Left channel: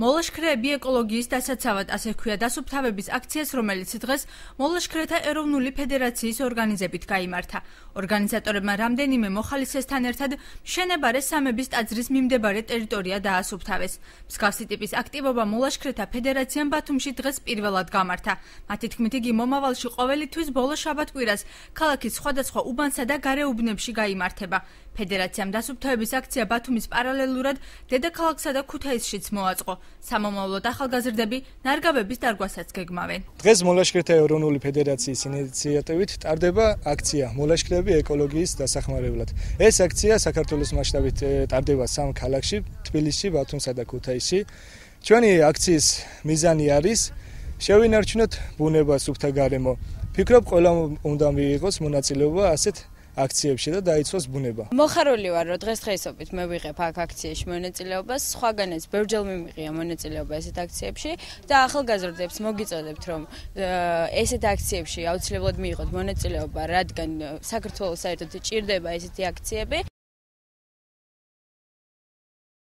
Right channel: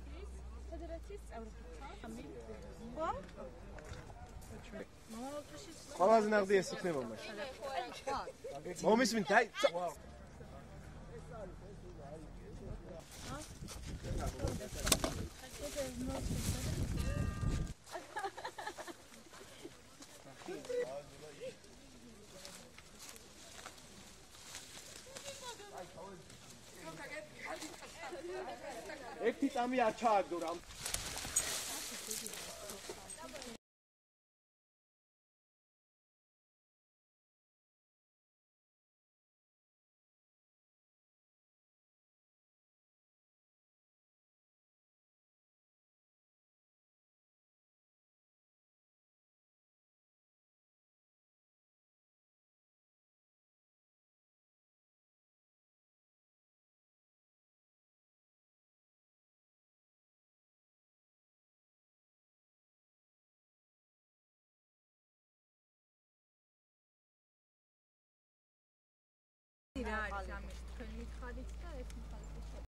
მოლაშქრეები ეკოლოგიის დასაცავად, ასე ქვია დასუფთავების აქციას, რომელიც დღეს მოლაშქრეთა ეროვნული ფედერაციის ორგანიზებით გაიმართა. ორგანიზატორებმა რამდენიმე მოხალისესთან ერთად მშენებარე სამების ტაძრის მიმდებარე ტერიტორია დაასუფთავეს. მსგავსი ტიპის აქტივობა მოლაშქრეთა ფედერაციამ ბათუმში დღეს პირველად გამართა. მათი თქმით, იგი მომავალში ყოველი თვის ბოლო შაბათ-კვირას ქალაქის სხვადასხვა უბანსა და გარეუბნებში გაიმართება. ფედერაციამ დასუფთავების აქცია ბათუმის პარალელურად დედაქალაქსა და ქუთაისშიც მოაწყო. სამომავლოდ ახალგაზრდები ნარგავების დარგვასაც გეგმავენ. დღეს მოლაშქრეთა ეროვნული ფედერაციის ინიციატივით ტარდება აქცია მოლაშქრეები ეკოლოგიის დასახმარებლად. ეს აქცია საქართველოს მასშტაბით ტარდება 3 ქალაქში, თბილისში, ბათუმსა და ქუთაისში. ჩვენი აქციის მიზანი არის შევინარჩუნოთ ბუნება, სუფთა გარემო. ფიქრობ, ყველა უნდა მიიღოს მონაწილეობა ასეთ აქციებში და დაიცვას ბუნება. მოხარული ვარ, რომ დღესდღეობით მე ვიღებ აქ აქციაში მონაწილეობას, სხვაგანაც ბევრჯერ მიმიღია მონაწილეობა ესეთ აქციებში და ახალგაზრდებს მოგიწოდებთ, რომ ესეთ აქციებში აუცილებლად მიიღოთ მონაწილეობა, რადგან საქართველოს საერთოდ ჭირდება ესეთი აქციები.